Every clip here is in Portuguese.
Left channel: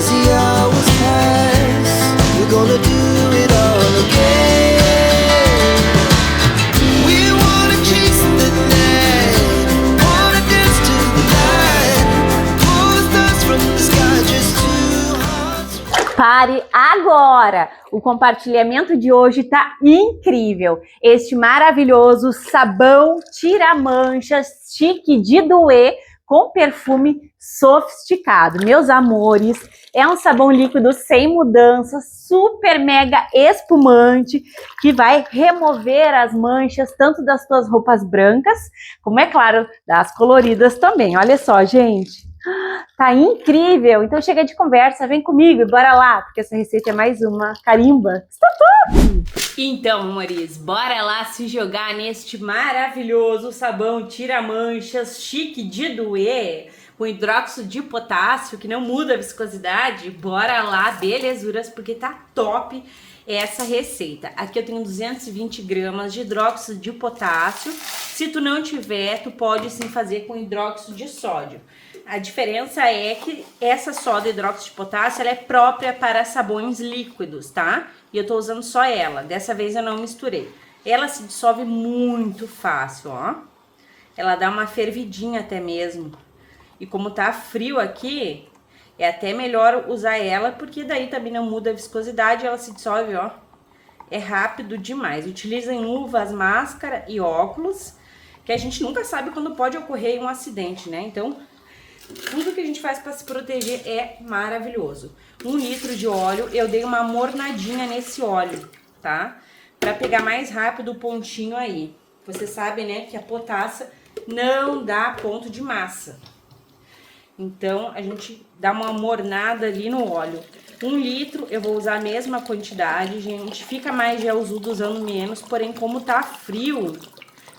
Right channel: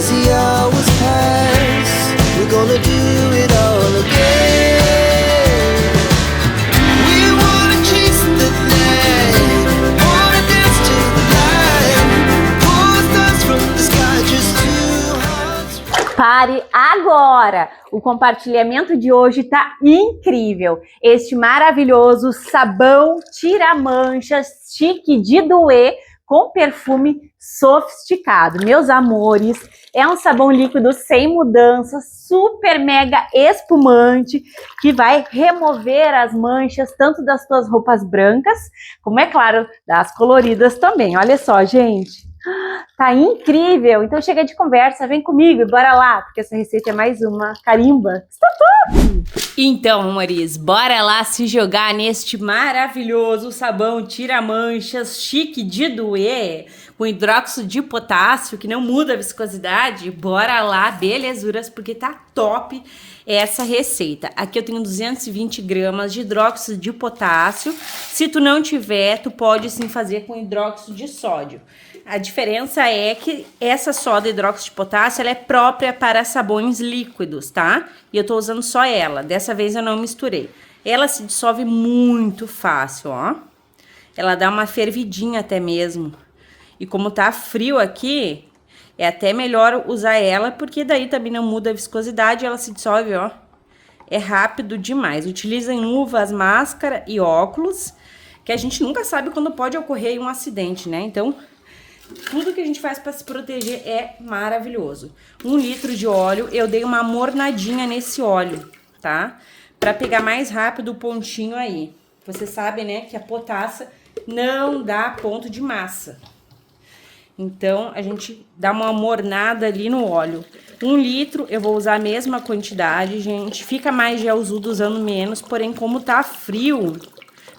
As the hours pass, we're gonna do it all again. We wanna chase the night, wanna dance to the light, pull stars from the sky, just two hearts. Pare agora! O compartilhamento de hoje tá incrível. Este maravilhoso sabão tira-manchas chique de doer com perfume sofisticado. Meus amores, é um sabão líquido sem mudança, super mega espumante, que vai remover as manchas tanto das tuas roupas brancas, como é claro, das coloridas também. Olha só, gente. Tá incrível! Então chega de conversa, vem comigo e bora lá, porque essa receita é mais uma carimba. Está top! Então, amores, bora lá se jogar neste maravilhoso sabão tira-manchas chique de doer, com hidróxido de potássio, que não muda a viscosidade. Bora lá, belezuras, porque tá top essa receita. Aqui eu tenho 220 gramas de hidróxido de potássio. Se tu não tiver, tu pode sim fazer com hidróxido de sódio. A diferença é que essa soda hidróxido de potássio, ela é própria para sabões líquidos, tá? E eu tô usando só ela. Dessa vez eu não misturei. Ela se dissolve muito fácil, ó. Ela dá uma fervidinha até mesmo. E como tá frio aqui, é até melhor usar ela, porque daí também não muda a viscosidade, ela se dissolve, ó. É rápido demais. Utilizem luvas, máscara e óculos, que a gente nunca sabe quando pode ocorrer um acidente, né? Então, tudo que a gente faz para se proteger é maravilhoso. 1 litro de óleo, eu dei uma mornadinha nesse óleo, tá? Para pegar mais rápido o pontinho aí. Vocês sabem, né, que a potassa não dá ponto de massa. Então, a gente dá uma mornada ali no óleo. 1 litro, eu vou usar a mesma quantidade, gente. Fica mais gelzudo usando menos, porém, como tá frio,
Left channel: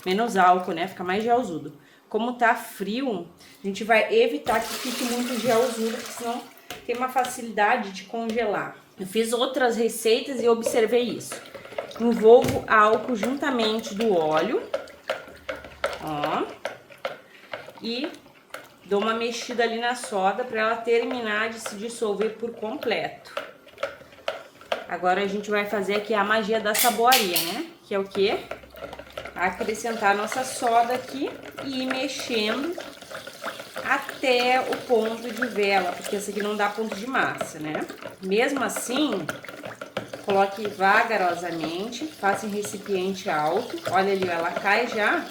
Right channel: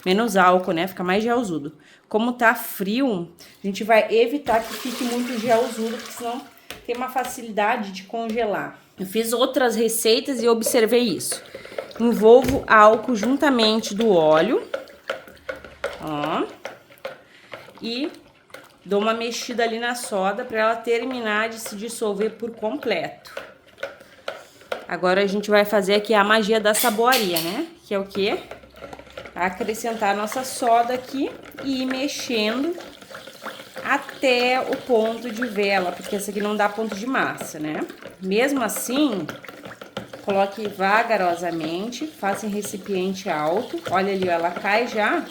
menos álcool, né? Fica mais gelzudo. Como tá frio, a gente vai evitar que fique muito gelzudo, porque senão tem uma facilidade de congelar. Eu fiz outras receitas e observei isso. Envolvo álcool juntamente do óleo, ó, e dou uma mexida ali na soda para ela terminar de se dissolver por completo. Agora a gente vai fazer aqui a magia da saboaria, né? Que é o quê? Acrescentar a nossa soda aqui e ir mexendo até o ponto de vela, porque essa aqui não dá ponto de massa, né? Mesmo assim, coloque vagarosamente, faça em recipiente alto. Olha ali, ela cai já.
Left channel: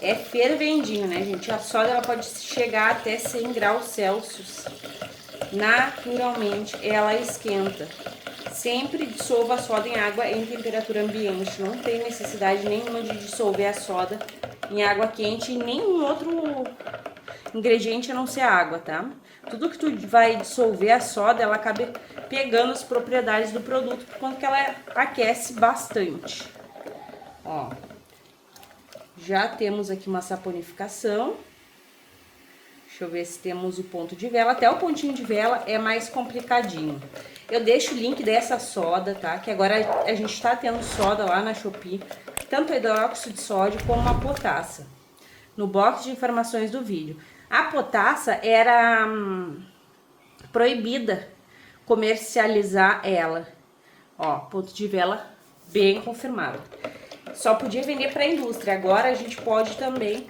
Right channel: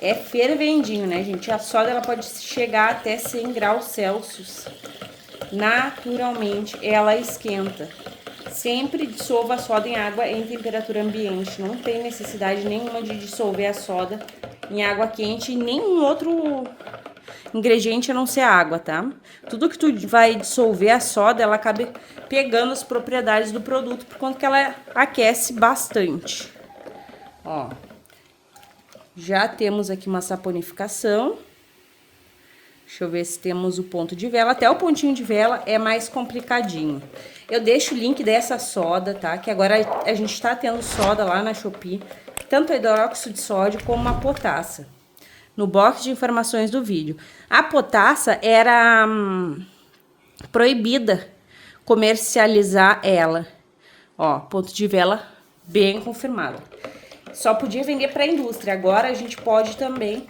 É fervendinho, né, gente? A soda ela pode chegar até 100 graus Celsius. Naturalmente, ela esquenta. Sempre dissolva a soda em água em temperatura ambiente. Não tem necessidade nenhuma de dissolver a soda em água quente e nenhum outro ingrediente a não ser água, tá? Tudo que tu vai dissolver a soda, ela acaba pegando as propriedades do produto, por conta que ela aquece bastante. Ó, já temos aqui uma saponificação. Deixa eu ver se temos o ponto de vela. Até o pontinho de vela é mais complicadinho. Eu deixo o link dessa soda, tá? Que agora a gente tá tendo soda lá na Shopee. Tanto a hidróxido de sódio como a potassa. No box de informações do vídeo. A potassa era proibida comercializar ela. Ó, ponto de vela bem confirmado. Só podia vender para a indústria. Agora a gente pode também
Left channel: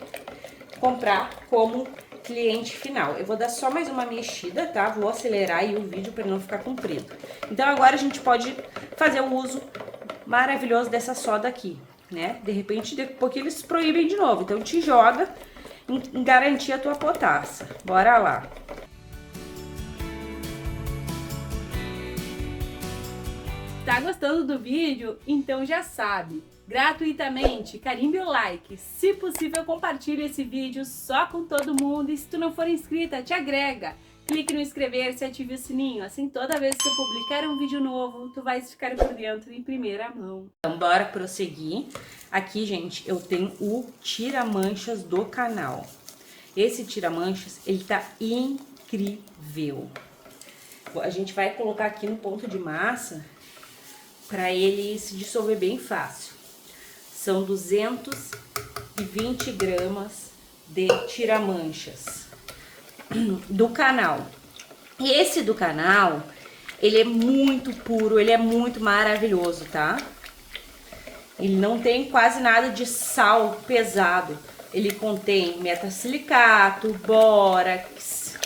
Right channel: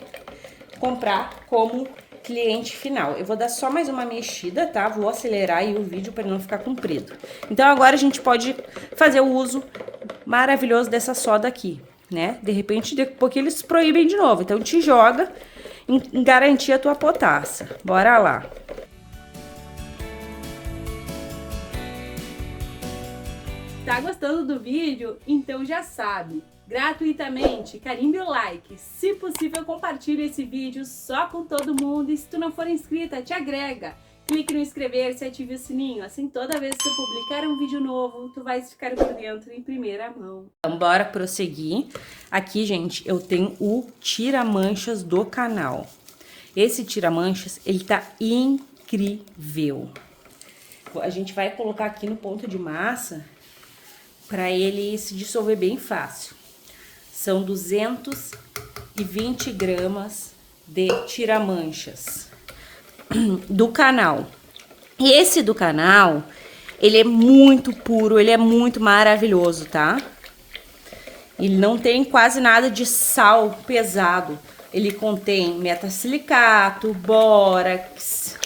comprar como cliente final. Eu vou dar só mais uma mexida, tá? Vou acelerar aí o vídeo para não ficar comprido. Então agora a gente pode fazer o uso maravilhoso dessa soda aqui, né? De repente, daqui a pouco eles proíbem de novo. Então te joga em garantir a tua potassa. Bora lá. Tá gostando do vídeo? Então já sabe. Gratuitamente, carimbe o like, se possível compartilhe esse vídeo só com todo mundo e se tu não for inscrita, te agrega, clique no inscrever-se e ative o sininho, assim toda vez que eu publicar um vídeo novo, tu vais ficar por dentro em primeira mão. Então, bora prosseguir. Aqui, gente, eu tenho o tira-manchas do canal. Esse tira-manchas, ele tá incrível. A gente vai colocar aqui no ponto de massa para ele se dissolver bem fácil. São 220 gramas de tira-manchas do canal. E esse do canal, ele é muito puro, ele é muito maravilhoso, tá? Ele não tem quase nada de sal pesado. Ele contém metasilicato, bórax.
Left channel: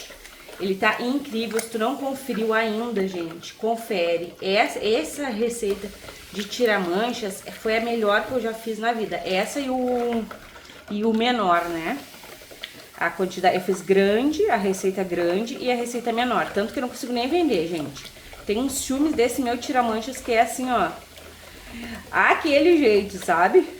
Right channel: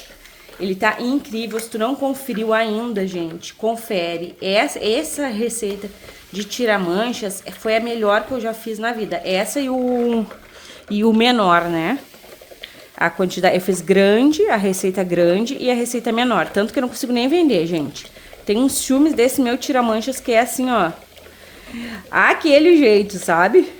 Ele tá incrível. Se tu não conferiu ainda, gente, confere. Essa receita de tira-manchas foi a melhor que eu já fiz na vida. Essa e o menor, né? A quantidade, eu fiz grande, a receita grande e a receita menor. Tanto que eu não consigo nem vender, gente. Tem uns ciúmes desse meu tira-manchas que é assim, ó. Aquele jeito, sabe?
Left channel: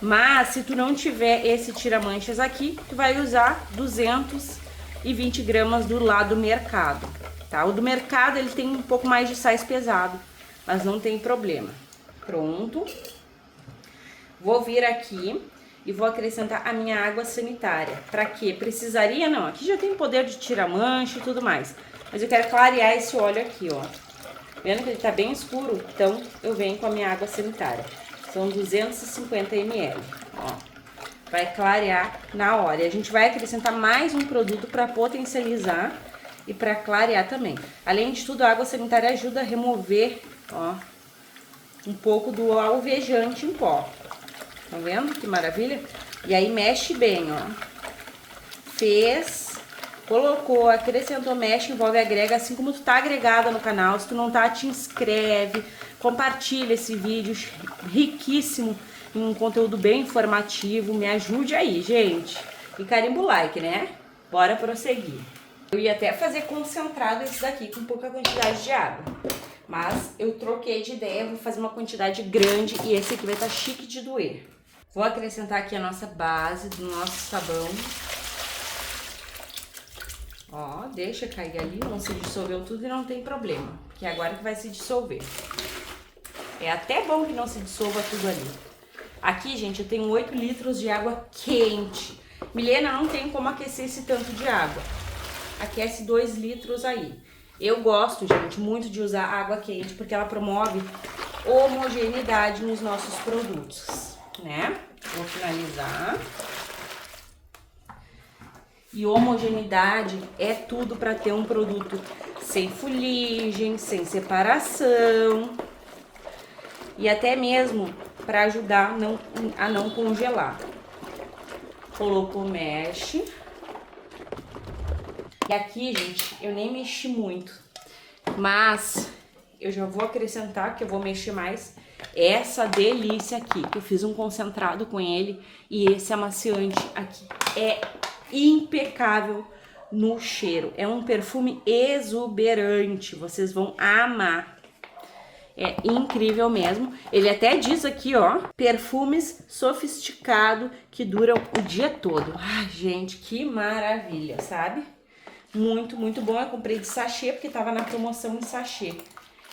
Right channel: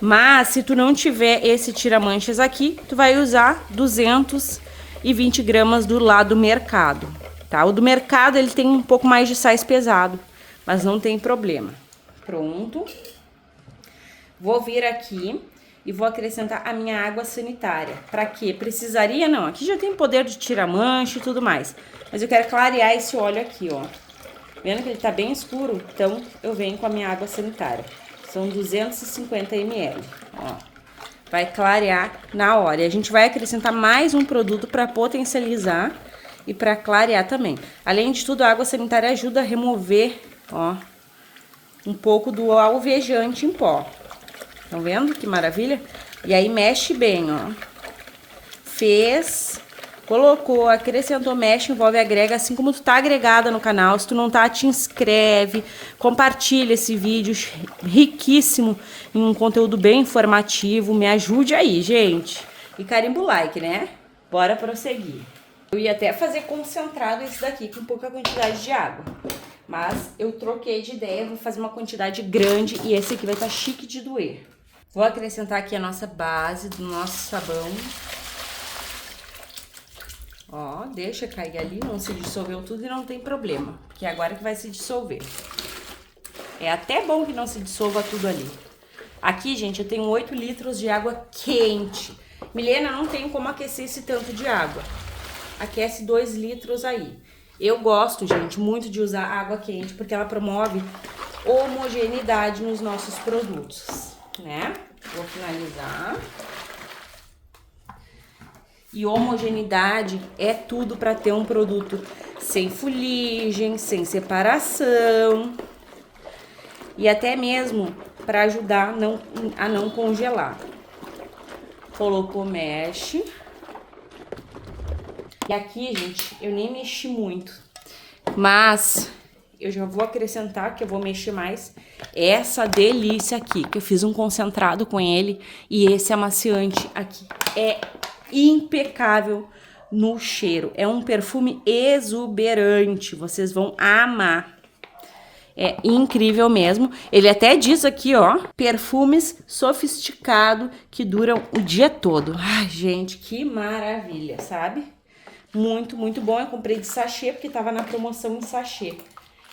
Mas se tu não tiver esse tira-manchas aqui, tu vai usar 220 gramas do lá do mercado, tá? O do mercado, ele tem um pouco mais de sais pesado, mas não tem problema. Pronto. Vou vir aqui e vou acrescentar a minha água sanitária. Pra quê? Precisaria? Não, aqui já tem poder de tirar-mancha e tudo mais. Mas eu quero clarear esse óleo aqui, ó. Vendo que ele tá bem escuro? Então, eu venho com a minha água sanitária. São 250 ml, ó. Vai clarear na hora. E a gente vai acrescentar mais um produto para potencializar e para clarear também. Além de tudo, a água sanitária ajuda a remover, ó, um pouco do alvejante em pó. Estão vendo que maravilha? E aí mexe bem, ó. Fez, colocou, acrescentou, mexe, envolve, agrega, assim como tu tá agregada no canal. Se tu não tá, te inscreve, compartilha esse vídeo riquíssimo em um conteúdo bem informativo. Me ajude aí, gente. E carimba o like, né? Bora prosseguir. Eu ia até fazer concentrado esse daqui com pouca quantidade de água. Mas eu troquei de ideia, vou fazer uma quantidade grande e esse aqui vai estar chique de doer. Vou acrescentar aqui a nossa base do nosso sabão. Ó, deixa cair ali, não se dissolveu tudo e não tem problema, porque é agora que vai se dissolver. É até bom que não se dissolva tudo ali. Aqui, gente, eu tenho 8 litros de água quente. Milena, não tem como aquecer esse tanto de água. Aquece 2 litros aí. Eu gosto, gente, muito de usar água quente, porque ela promove homogeneidade nos nossos produtos, né? Vou finalizar. E homogeneidade é tudo para ter um produto sem fuligem, sem separação. E até mesmo para ajudar a não congelar. Colocou o mesh. E aqui, gente, eu nem mexi muito. Mas eu já vou acrescentar, que eu vou mexer mais, essa delícia aqui, que eu fiz um concentrado com ele. E esse amaciante aqui é impecável no cheiro. É um perfume exuberante, vocês vão amar. É incrível mesmo. Ele até diz aqui, ó, perfumes sofisticado que duram o dia todo. Ai, gente, que maravilha, sabe? Muito, muito bom. Eu comprei de sachê, porque tava na promoção em sachê.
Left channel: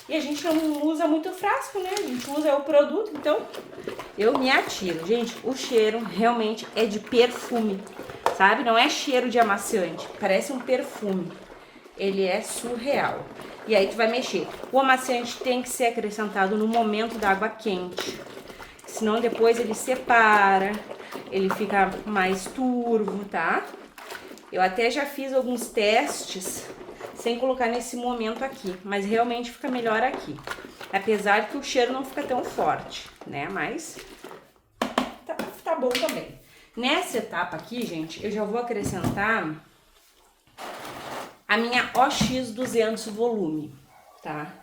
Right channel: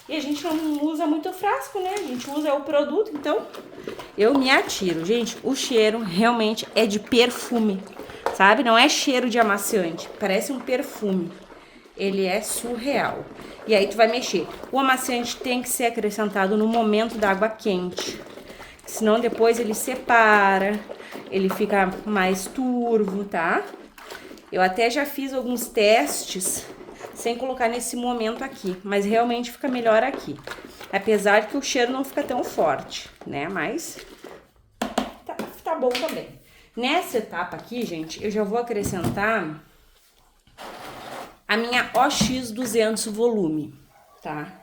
E a gente não usa muito frasco, né? A gente usa o produto, então eu me atiro. Gente, o cheiro realmente é de perfume, sabe? Não é cheiro de amaciante, parece um perfume. Ele é surreal. E aí tu vai mexer. O amaciante tem que ser acrescentado no momento da água quente. Senão depois ele separa, ele fica mais turvo, tá? Eu até já fiz alguns testes sem colocar nesse momento aqui, mas realmente fica melhor aqui. Apesar que o cheiro não fica tão forte, né? Mas tá bom também. Nessa etapa aqui, gente, eu já vou acrescentar a minha OX200 volume, tá?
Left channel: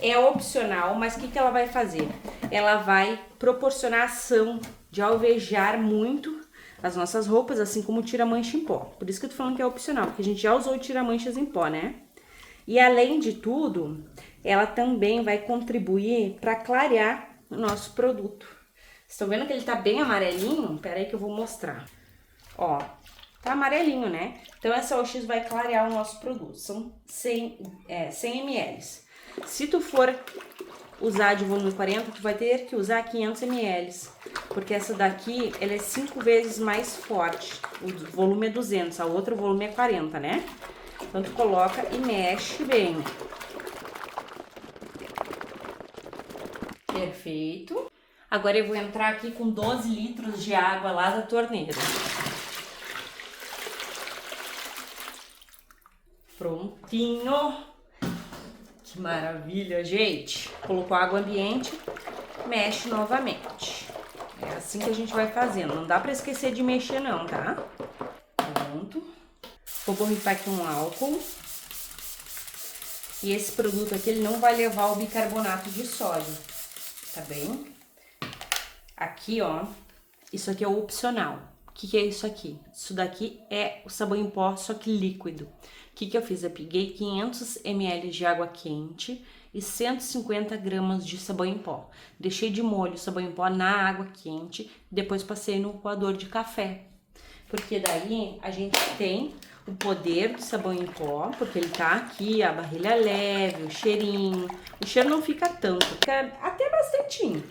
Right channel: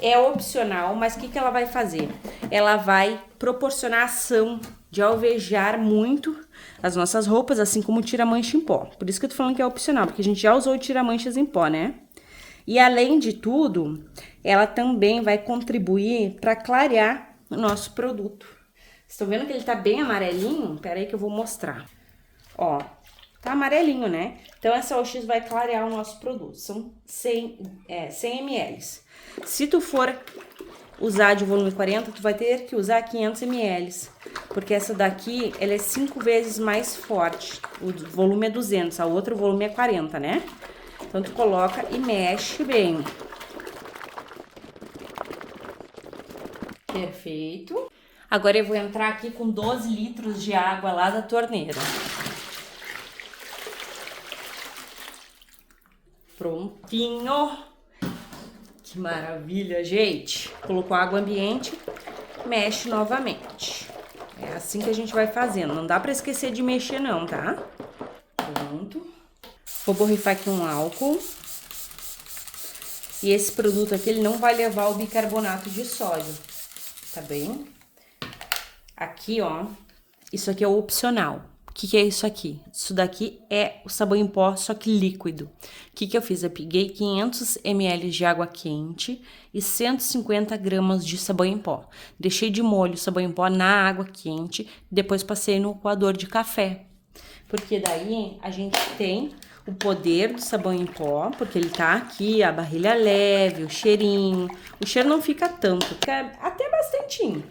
É opcional, mas o que ela vai fazer? Ela vai proporcionar ação de alvejar muito as nossas roupas, assim como tira mancha em pó. Por isso que eu tô falando que é opcional, porque a gente já usou tira-manchas em pó, né? E além de tudo, ela também vai contribuir para clarear o nosso produto. Estão vendo que ele tá bem amarelinho? Pera aí que eu vou mostrar. Ó, tá amarelinho, né? Então essa OX vai clarear o nosso produto. São 100 ml. Se tu for usar de volume 40, tu vai ter que usar 500 ml. Porque essa daqui, ela é 5 vezes mais forte. O volume é 200, a outra o volume é 40, né? Então tu coloca e mexe bem. Perfeito. Agora eu vou entrar aqui com 12 litros de água lá da torneira. Prontinho. Que maravilha, gente. Colocou água ambiente, mexe novamente. É assim que a gente vai fazendo. Não dá pra esquecer de mexer não, tá? Pronto. Vou borrifar aqui um álcool. E esse produto aqui, ele não vai levar o bicarbonato de sódio, tá bem? Aqui, ó, isso aqui é o opcional. O que é isso aqui? Isso daqui é o sabão em pó, só que líquido. O que eu fiz? Eu peguei 500 ml de água quente e 150 gramas de sabão em pó. Deixei de molho o sabão em pó na água quente, depois passei no coador de café. Porque daí a gente tem o poder do sabão em pó, porque ele tá aqui, a barrilha leve, o cheirinho. O cheiro não fica tanto, fica até bastantinho.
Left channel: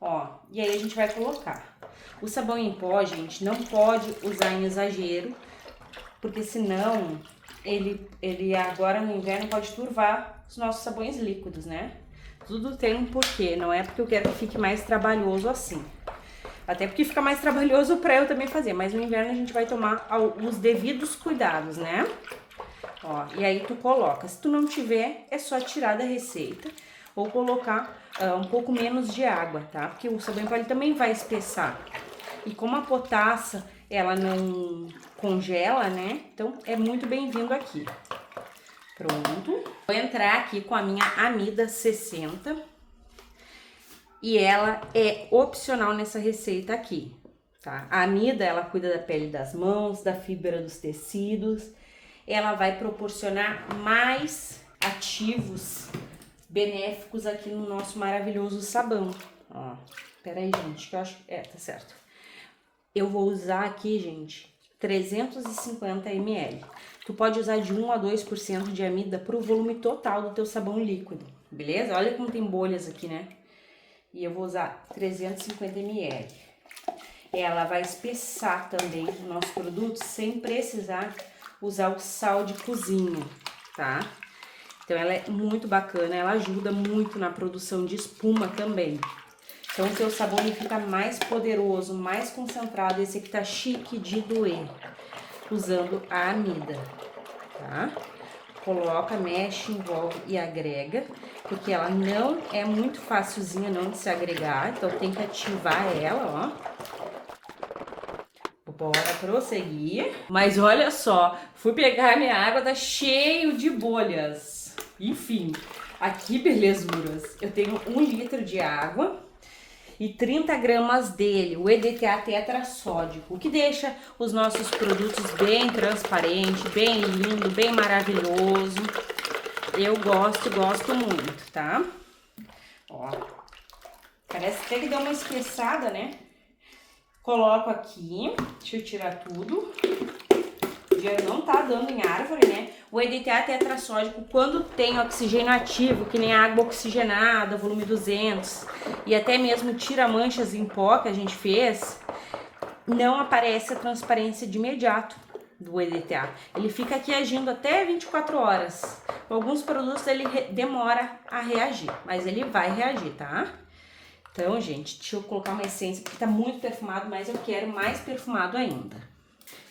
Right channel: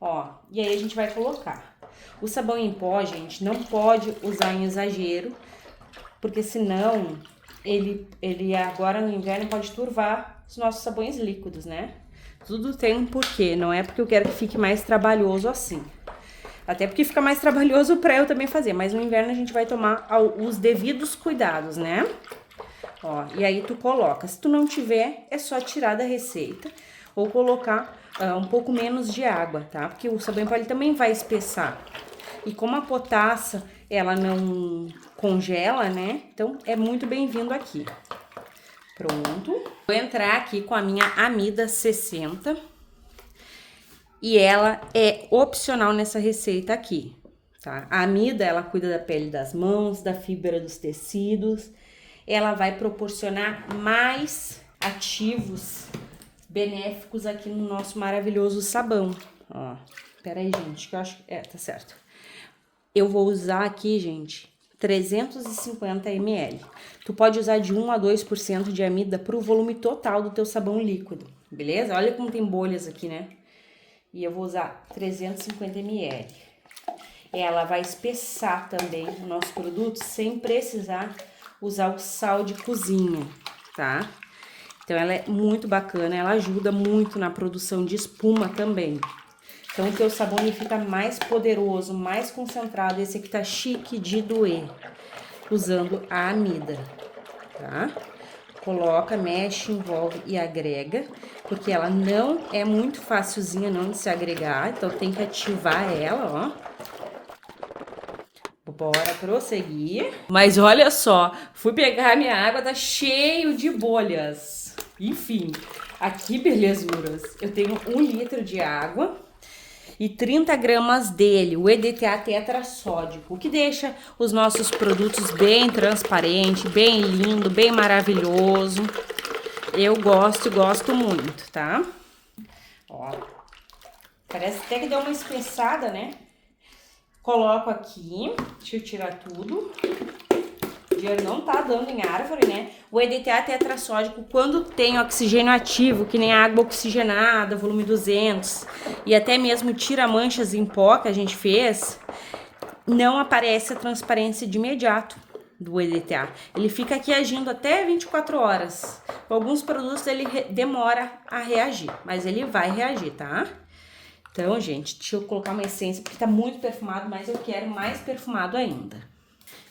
Ó, e aí a gente vai colocar. O sabão em pó, gente, não pode usar em exagero, porque senão ele agora no inverno pode turvar os nossos sabões líquidos, né? Tudo tem um porquê, não é porque eu quero que fique mais trabalhoso assim. Até porque fica mais trabalhoso pra eu também fazer, mas no inverno a gente vai tomar os devidos cuidados, né? Ó, e aí tu coloca, se tu não tiver, é só tirar da receita ou colocar um pouco menos de água, tá? Porque o sabão em pó ele também vai espessar. E como a potassa, ela não congela, né? Então, é muito bem-vindo aqui. Pronto. Vou entrar aqui com a minha Amida 60. E ela é opcional nessa receita aqui, tá? A Amida, ela cuida da pele das mãos, da fibra dos tecidos. Ela vai proporcionar mais ativos benéficos aqui no nosso maravilhoso sabão. Ó, peraí, gente, que eu acho... tá certo. Eu vou usar aqui, gente, 350 ml. Tu pode usar de 1 a 2% de amida pro volume total do teu sabão líquido, beleza? Olha como tem bolhas aqui, né? E eu vou usar 350 ml. Ela vai espessar também o nosso produto sem precisar usar o sal de cozinha, tá? Então, ela é muito bacana, ela ajuda muito na produção de espuma também. Então, o teu sabão ele fica mais poderoso, mais concentrado. Esse aqui tá chique de doer, usando a amida, tá? Coloca, mexe, envolve e agrega, porque ela não é muito facilzinha não de se agregar, então tem que ativar ela, ó. Bora prosseguir. Mas olha só, fui pegar a minha água, tá cheio de bolhas. Enfim, aqui, belezuras, eu tenho 1 litro de água e 30 gramas dele, o EDTA tetrassódico, o que deixa os nossos produtos bem transparente, bem lindo, bem maravilhoso. Eu gosto muito, tá? Ó, parece até que deu uma espessada, né? Coloco aqui, deixa eu tirar tudo. O dinheiro não tá dando em árvore, né? O EDTA tetrassódico, quando tem oxigênio ativo, que nem a água oxigenada, volume 200, e até mesmo tira manchas em pó que a gente fez, não aparece a transparência de imediato do EDTA. Ele fica aqui agindo até 24 horas. Alguns produtos ele demora a reagir, mas ele vai reagir, tá? Então, gente, deixa eu colocar uma essência, porque tá muito perfumado, mas eu quero mais perfumado ainda.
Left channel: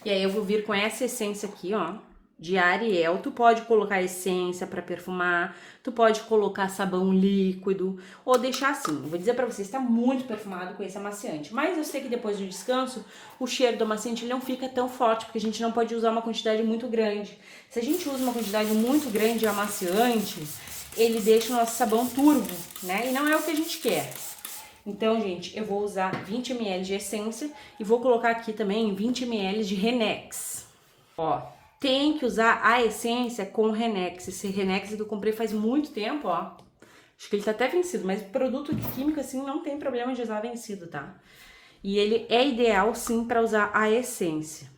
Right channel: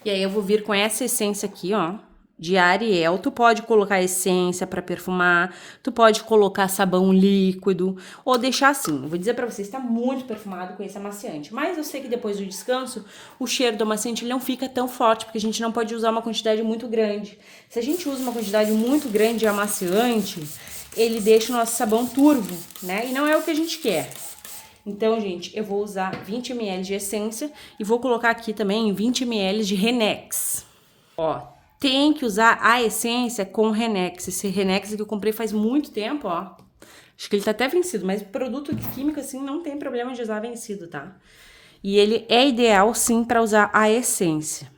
E aí eu vou vir com essa essência aqui, ó, de Ariel. Tu pode colocar essência pra perfumar, tu pode colocar sabão líquido, ou deixar assim. Eu vou dizer pra vocês, tá muito perfumado com esse amaciante. Mas eu sei que depois do descanso, o cheiro do amaciante ele não fica tão forte, porque a gente não pode usar uma quantidade muito grande. Se a gente usa uma quantidade muito grande de amaciante, ele deixa o nosso sabão turvo, né? E não é o que a gente quer. Então, gente, eu vou usar 20 ml de essência e vou colocar aqui também 20 ml de Renex. Ó, tem que usar a essência com Renex. Esse Renex que eu comprei faz muito tempo, ó. Acho que ele tá até vencido, mas produto químico assim não tem problema de usar vencido, tá? E ele é ideal sim para usar a essência,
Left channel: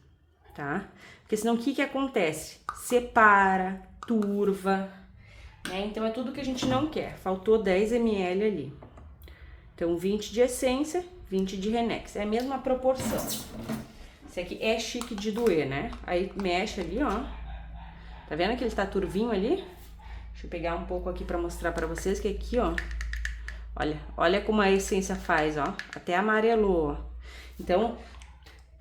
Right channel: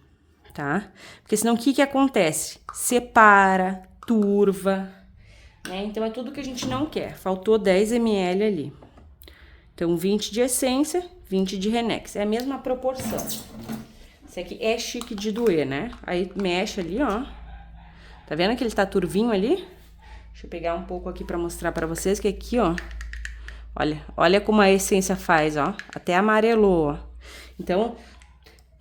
tá? Porque senão o que acontece? Separa, turva, né? Então é tudo que a gente não quer. Faltou 10 ml ali. Então, 20 de essência, 20 de Renex. É a mesma proporção. Esse aqui é chique de doer, né? Aí, mexe ali, ó. Tá vendo que ele tá turvinho ali? Deixa eu pegar um pouco aqui pra mostrar pra vocês que aqui, ó. Olha como a essência faz, ó. Até amarelou, ó. Então,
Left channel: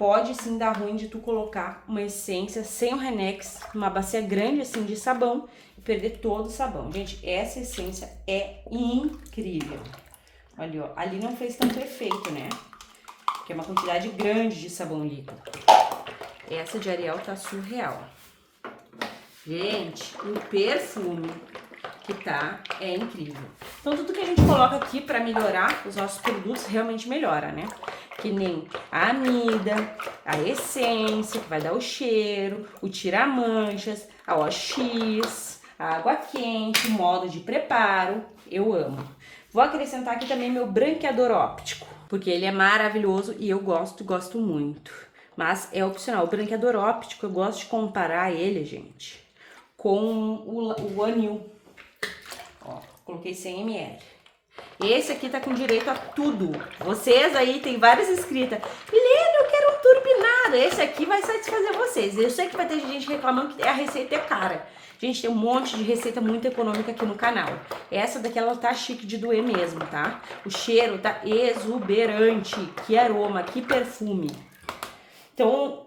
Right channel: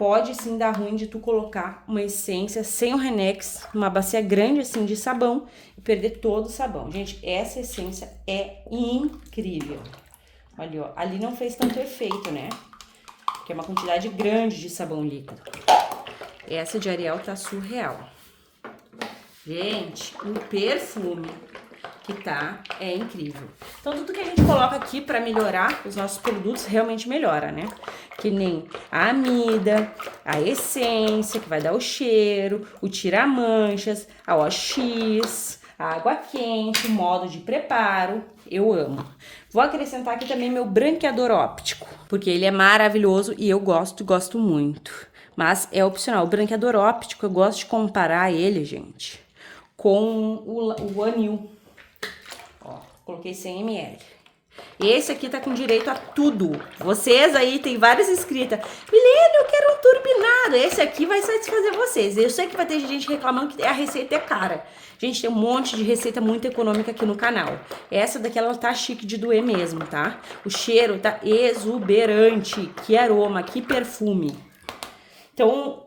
pode sim dar ruim de tu colocar uma essência sem o Renex, uma bacia grande assim de sabão e perder todo o sabão. Gente, essa essência é incrível. Olha, ó, ali não fez tanto efeito, né? Porque é uma quantidade grande de sabão líquido. Essa de Ariel tá surreal. Gente, o perfume que tá é incrível. Então, tudo que a gente coloca aqui pra melhorar os nossos produtos realmente melhora, né? Que nem a amida, a essência, que vai dar o cheiro, o tira-manchas, a OX, a água quente, o modo de preparo. Eu amo. Vou acrescentar aqui também meu branqueador óptico, porque ele é maravilhoso e eu gosto muito. Mas é opcional. O branqueador óptico, eu gosto de comparar ele, gente, com o Anil. Ó, coloquei 100 ml. Esse aqui tá com direito a tudo. Vocês aí, tem várias inscritas. Milena, eu quero um turbinado. Esse aqui vai satisfazer vocês. Eu sei que vai ter gente reclamando que a receita é cara. Gente, tem um monte de receita muito econômica aqui no canal. Essa daqui, ela tá chique de doer mesmo, tá? O cheiro tá exuberante. Que aroma, que perfume. Então,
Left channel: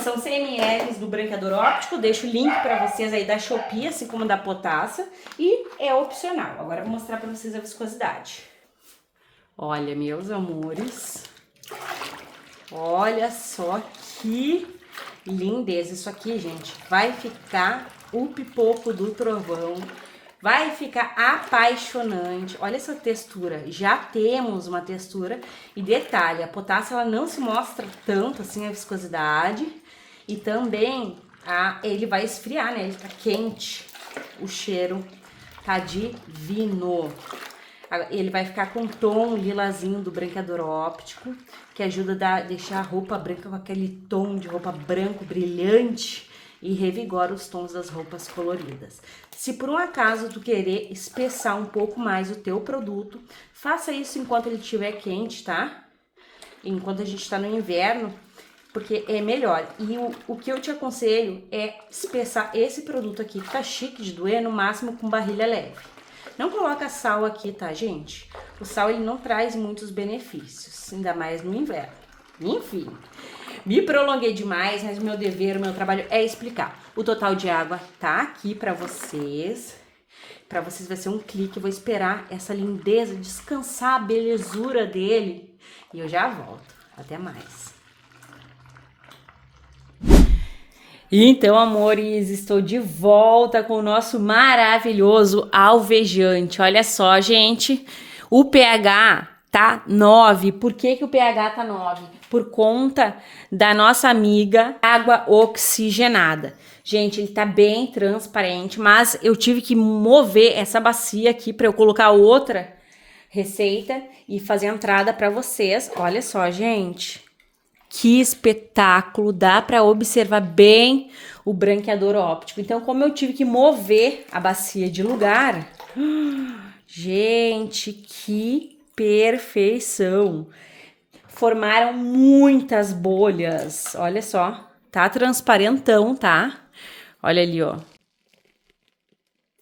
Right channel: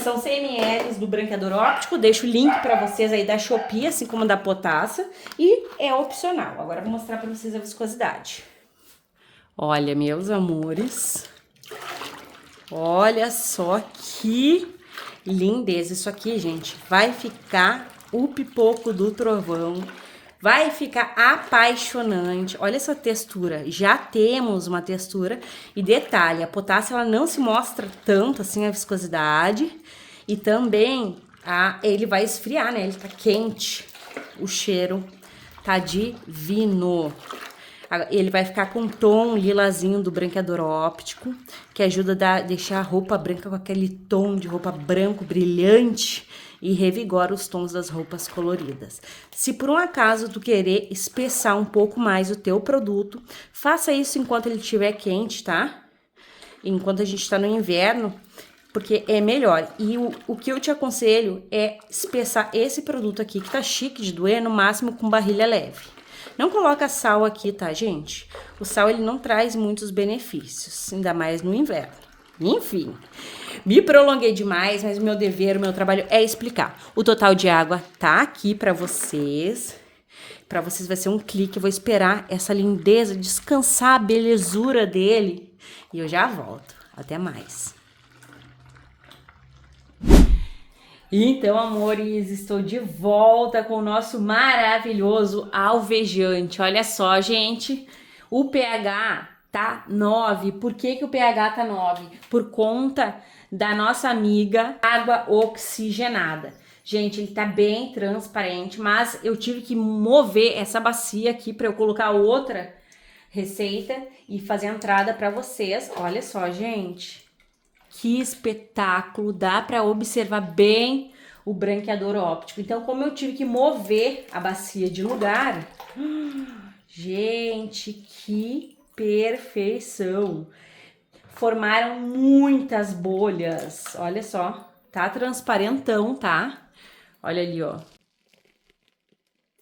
são 100 ml do branqueador óptico. Deixo o link pra vocês aí da Shopee, assim como da Potassa. E é opcional. Agora eu vou mostrar pra vocês a viscosidade. Olha, meus amores. Olha só que lindeza. Isso aqui, gente, vai ficar o pipoco do trovão. Vai ficar apaixonante. Olha essa textura. Já temos uma textura. E detalhe, a Potassa, ela não se mostra tanto assim a viscosidade. E também ele vai esfriar, né? Ele tá quente. O cheiro tá divino. Ele vai ficar com um tom lilazinho do branqueador óptico, que ajuda a deixar a roupa branca com aquele tom de roupa branco brilhante e revigora os tons das roupas coloridas. Se por um acaso tu querer espessar um pouco mais o teu produto, faça isso enquanto ele estiver quente, tá? Enquanto a gente tá no inverno, porque é melhor. E o que eu te aconselho é espessar esse produto aqui, que tá chique de doer, no máximo com barrilha leve. Não coloca sal aqui, tá, gente? O sal, ele não traz muitos benefícios, ainda mais no inverno. Enfim, me prolonguei demais, mas o meu dever, o meu trabalho é explicar. O total de água tá aqui pra vocês. Pra vocês vai ser um clique. Eu vou esperar essa lindeza descansar, a belezura dele. E eu já volto. Até mais. Então, amores, estou de volta com o nosso maravilhoso alvejante. Olha só, gente, o pH tá 9. Por que o pH tá 9? Por conta da nossa amiga água oxigenada. Gente, ele tá bem transparente, mas eu tive que mover essa bacia aqui para eu colocar outra receita e fazer a entrada para vocês. Olha só, gente. Que espetáculo, dá para observar bem o branqueador óptico. Então, como eu tive que mover a bacia de lugar, gente, que perfeição! Formaram muitas bolhas, olha só, tá transparentão, tá? Olha ali, ó.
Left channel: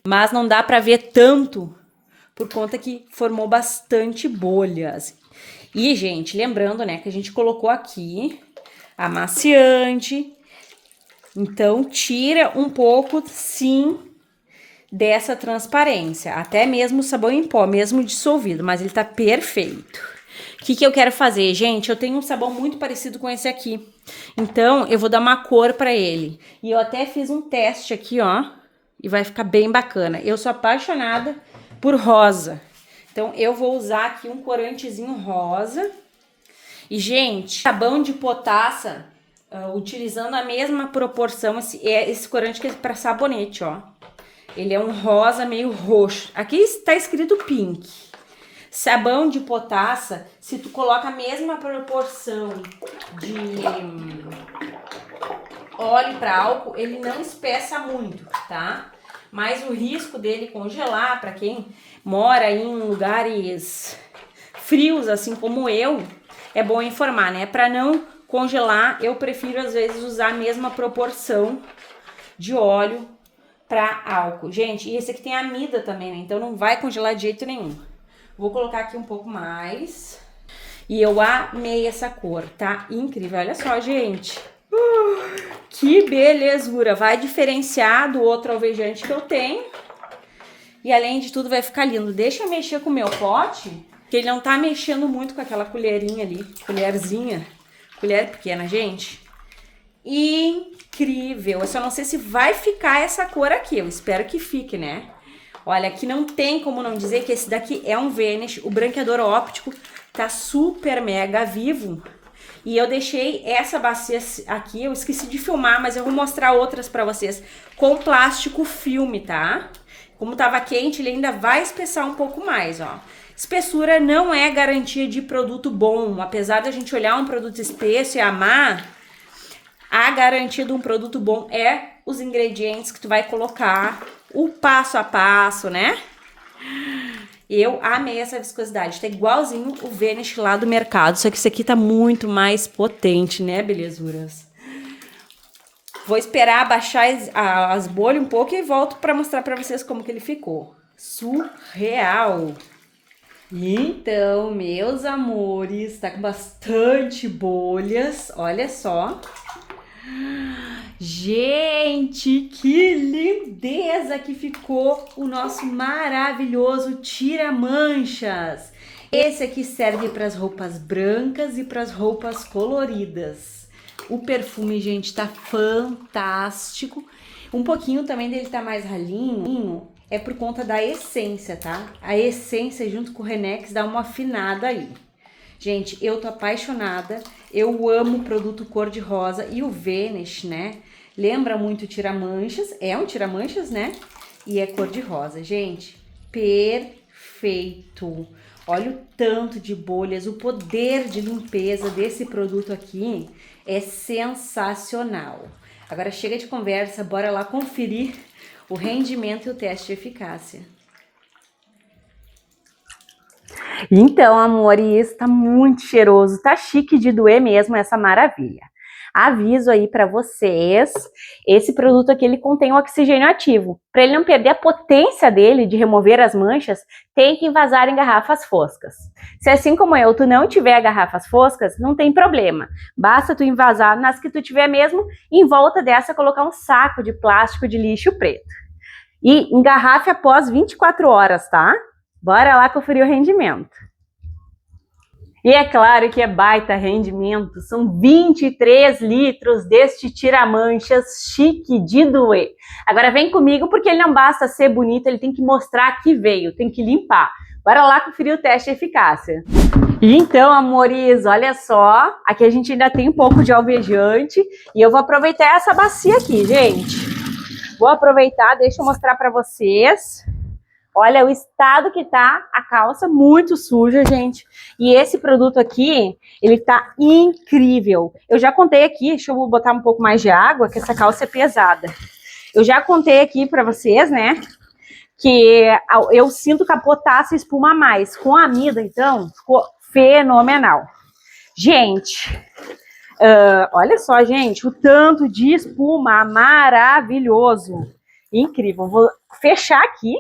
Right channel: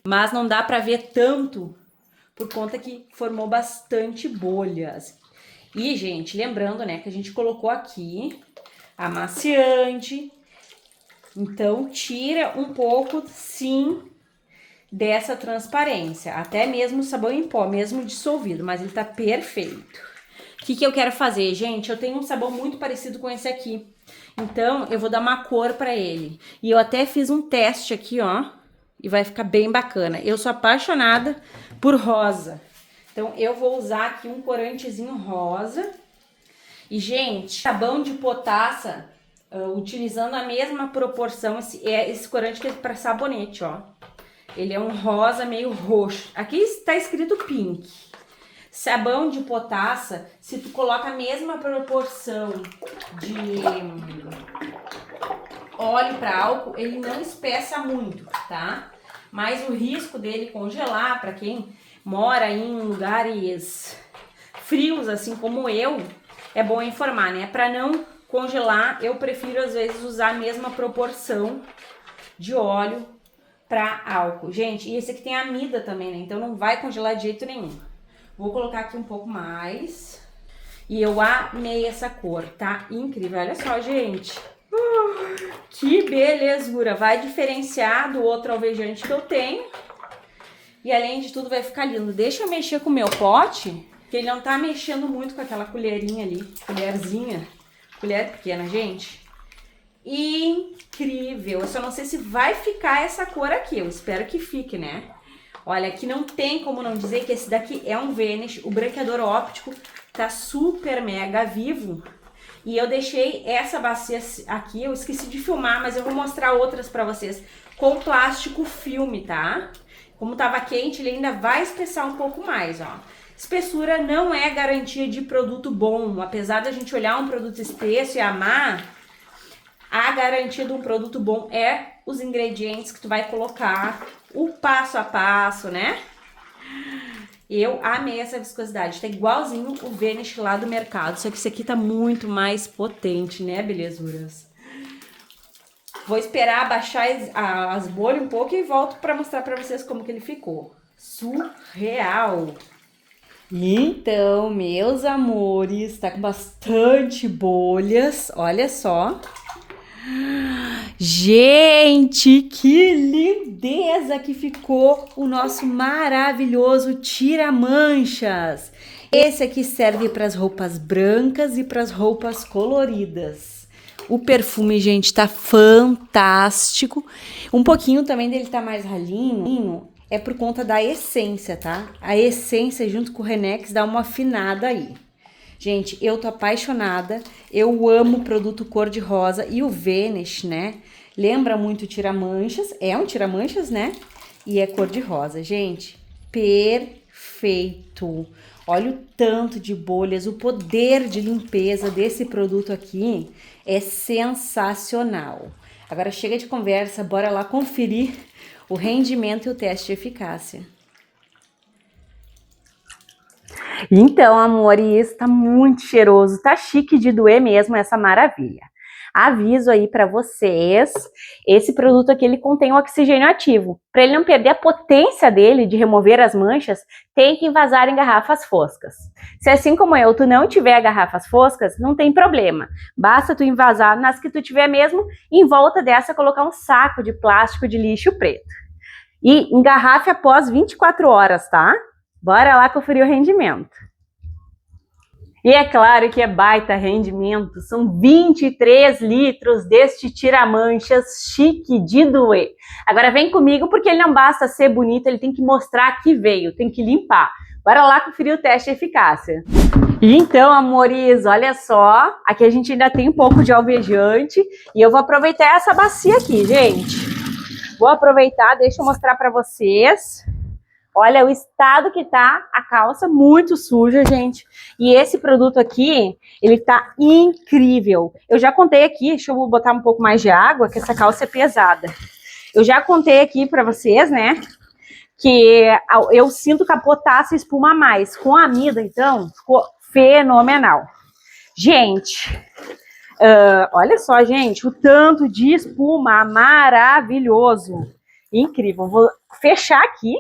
Mas não dá para ver tanto, por conta que formou bastante bolhas. E, gente, lembrando, né, que a gente colocou aqui amaciante. Então, tira um pouco, sim, dessa transparência. Até mesmo o sabão em pó, mesmo dissolvido, mas ele tá perfeito. O que eu quero fazer, gente? Eu tenho um sabão muito parecido com esse aqui. Então, eu vou dar uma cor pra ele. E eu até fiz um teste aqui, ó. E vai ficar bem bacana. Eu sou apaixonada por rosa. Então, eu vou usar aqui um corantezinho rosa. E, gente, sabão de Potassa, utilizando a mesma proporção, esse corante que é para sabonete, ó. Ele é um rosa meio roxo. Aqui está escrito pink. Sabão de Potassa, se tu coloca a mesma proporção de óleo para álcool, ele não espessa muito, tá? Mas o risco dele congelar, para quem mora em lugares frios, assim como eu, é bom informar, né? Para não congelar, eu prefiro às vezes usar a mesma proporção de óleo para álcool. Gente, e esse aqui tem amida também, né? Então não vai congelar de jeito nenhum. Vou colocar aqui um pouco mais. E eu amei essa cor, tá? Incrível, olha só, gente. Que belezura, vai diferenciar do outro alvejante que eu tenho. E além de tudo vai ficar lindo. Deixa eu mexer com o meu pote, que ele não tá mexendo muito com aquela colherinha ali, colherzinha. Colher pequena, gente. Incrível. Eu só não sei se vai ficar essa cor aqui, eu espero que fique, né? Olha, aqui não tem como não dizer que esse daqui é um Vanish. O branqueador óptico tá super mega vivo. E eu deixei essa bacia aqui, eu esqueci de filmar, mas eu vou mostrar outras pra vocês. Com plástico filme, tá? Como tava quente, ele ainda vai espessar um pouco mais, ó. Espessura não é garantia de produto bom. Apesar da gente olhar um produto espesso e amar, a garantia de um produto bom é os ingredientes que tu vai colocar, o passo a passo, né? Eu amei essa viscosidade, tá igualzinho o Vanish lá do mercado, só que esse aqui tá muito mais potente, né, belezuras? Vou esperar baixar as bolhas um pouco e volto pra mostrar pra vocês como que ele ficou. Surreal! Então, meus amores, tá com bastante bolhas, olha só. Gente, que lindeza que ficou o nosso maravilhoso tira-manchas. Esse aqui serve para as roupas brancas e para as roupas coloridas. O perfume, gente, tá fantástico. Um pouquinho também dele tá mais ralinho, é por conta da essência, tá? A essência junto com o Renex dá uma afinada aí. Gente, eu tô apaixonada, eu amo o produto cor-de-rosa e o Vanish, né? Lembra muito o tira-manchas, é um tira-manchas, né? E é cor-de-rosa, gente, perfeito. Olha o tanto de bolhas, o poder de limpeza desse produto aqui é sensacional. Agora chega de conversa, bora lá conferir o rendimento e o teste de eficácia. Então, amores, tá muito cheiroso, tá chique de doer mesmo essa maravilha. Aviso aí pra vocês, esse produto aqui ele contém o oxigênio ativo. Para ele não perder a potência dele de remover as manchas, tem que envasar em garrafas foscas. Se assim como eu, tu não tiver garrafas foscas, não tem problema. Basta tu envasar nas que tu tiver mesmo, e em volta dessa colocar um saco de plástico de lixo preto. E engarrafe após 24 horas, tá? Bora lá conferir o rendimento. E é claro que é baita rendimento, são 23 litros deste tira-manchas chique de doer. Agora vem comigo porque ele não basta ser bonito, ele tem que mostrar que veio, tem que limpar. Bora lá conferir o teste de eficácia. E então, amores, olha só, aqui a gente ainda tem um pouco de alvejante e eu vou aproveitar essa bacia aqui, gente. Vou aproveitar, deixa eu mostrar pra vocês. Olha o estado que tá a calça, muito suja, gente. E esse produto aqui, ele tá incrível. Eu já contei aqui, deixa eu botar um pouco mais de água, que essa calça é pesada. Eu já contei aqui pra vocês, né, que eu sinto capotar essa espuma a mais. Com a amida, então, ficou fenomenal. Gente, olha só, gente, o tanto de espuma maravilhoso. Incrível. Vou fechar aqui.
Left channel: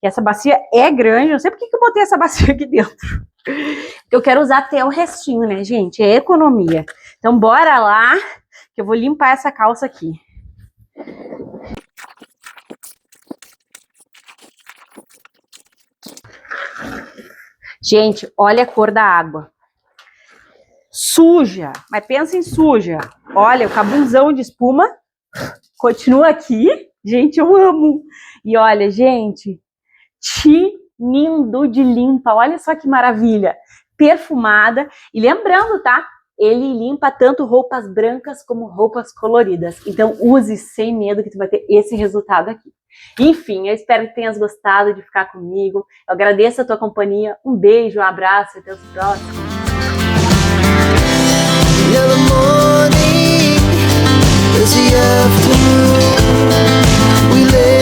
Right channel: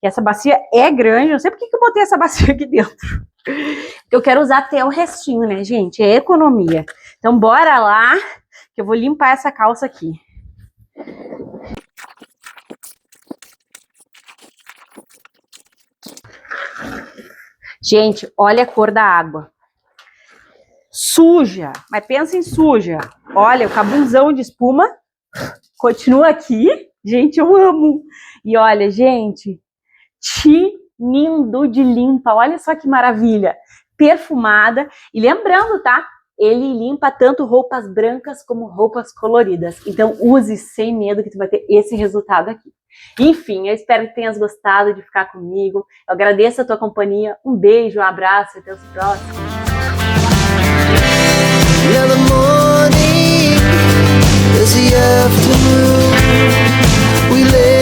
Essa bacia é grande, não sei por que eu botei essa bacia aqui dentro. Eu quero usar até o restinho, né, gente? É economia. Então, bora lá, que eu vou limpar essa calça aqui. Gente, olha a cor da água. Suja, mas pensa em suja. Olha, o cabunzão de espuma continua aqui. Gente, eu amo. E olha, gente, tinindo de limpa, olha só que maravilha, perfumada, e lembrando, tá, ele limpa tanto roupas brancas como roupas coloridas, então use sem medo que tu vai ter esse resultado aqui. Enfim, eu espero que tenhas gostado de ficar comigo, eu agradeço a tua companhia, um beijo, um abraço, até os próximos. Yeah, the morning is the afternoon. We lay